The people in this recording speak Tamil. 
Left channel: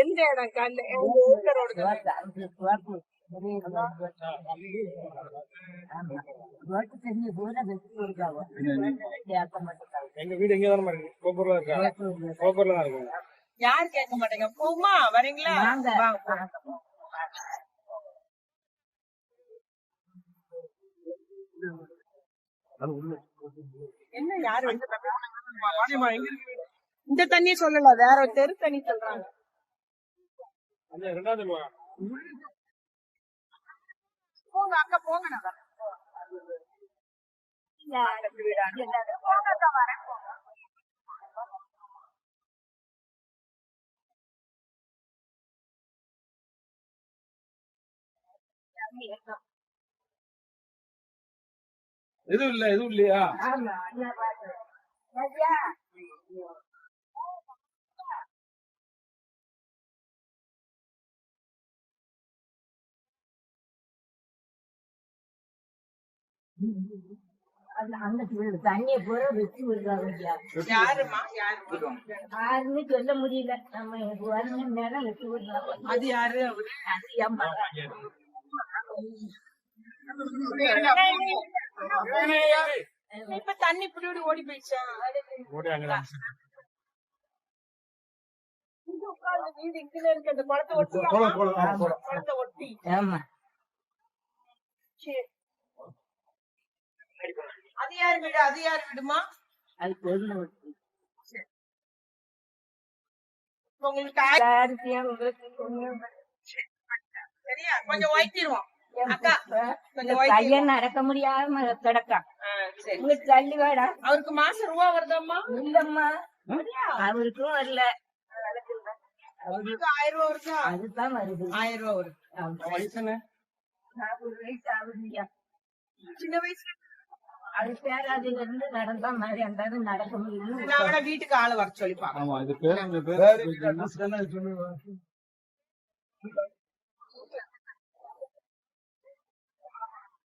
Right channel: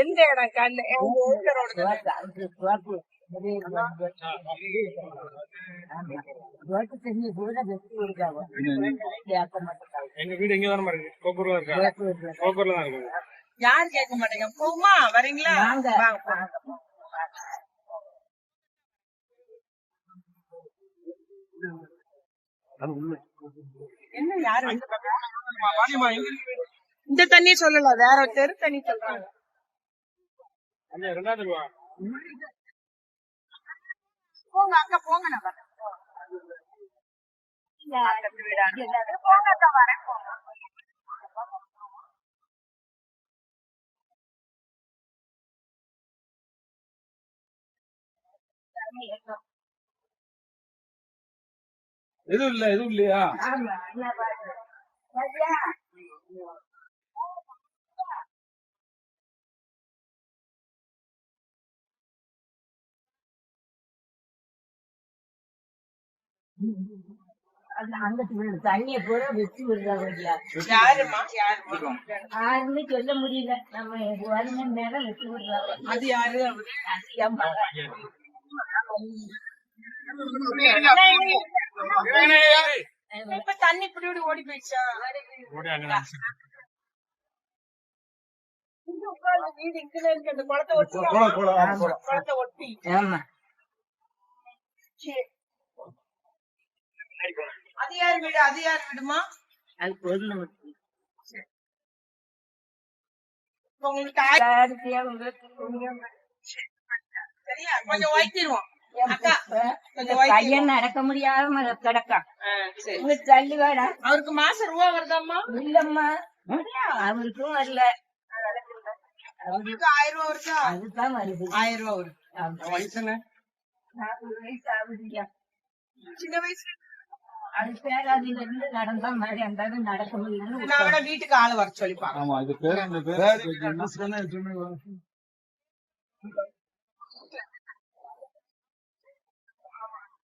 எந்த இடம் கண்ணு எங்க வீடு எங்கதான் இருக்கு, கோப்பூர்ல தான் இருக்கு. யாரும் கேட்க மாட்டேங்க. போமா வரீங்களா? என்ன யாரு இந்த தண்ணி சொல்லல, வேற தெரு தண்ணி சொல்றாங்க. போங்க அங்க போங்க. எதுவும் இல்லையா? தண்ணிய பூரா வச்சு விடுறாங்க. யாருன்னு சொல்ல முடியல. நம்ம 1 மணி நேரம் வச்சு விடுறாங்க. அது யாரு? இப்ப தண்ணி இப்படி ஓடி போயிடுச்சா? வீடு இங்க இருக்கு, அந்த குளத்தை ஒட்டி. அது யாரு வீடு? அது யாரு வீடுமா? அது பொருள் உங்களுக்கு சரியா? கொஞ்சம் வைத்திருவோம். பையன் நடக்க முடியாம கிடக்கா. தள்ளி வாடா. அவருக்கு மாசம் ரூபா வருதாம்மா? இல்லம்மா, அவருக்கும் வரல. அவருக்கு 1000 ரூபா வருதா? அதுதான் வருது. 1000 ரூபா வருது. 40 வயசு ஆகுதுயா. சின்ன வயசுல அது பேராதில இருந்து நடந்தா மாதிரி அந்த நடக்க முடியல. வீட்டுக்கு ஆளு வர சொல்லிப்பாங்க. ஆமா, இது பேர்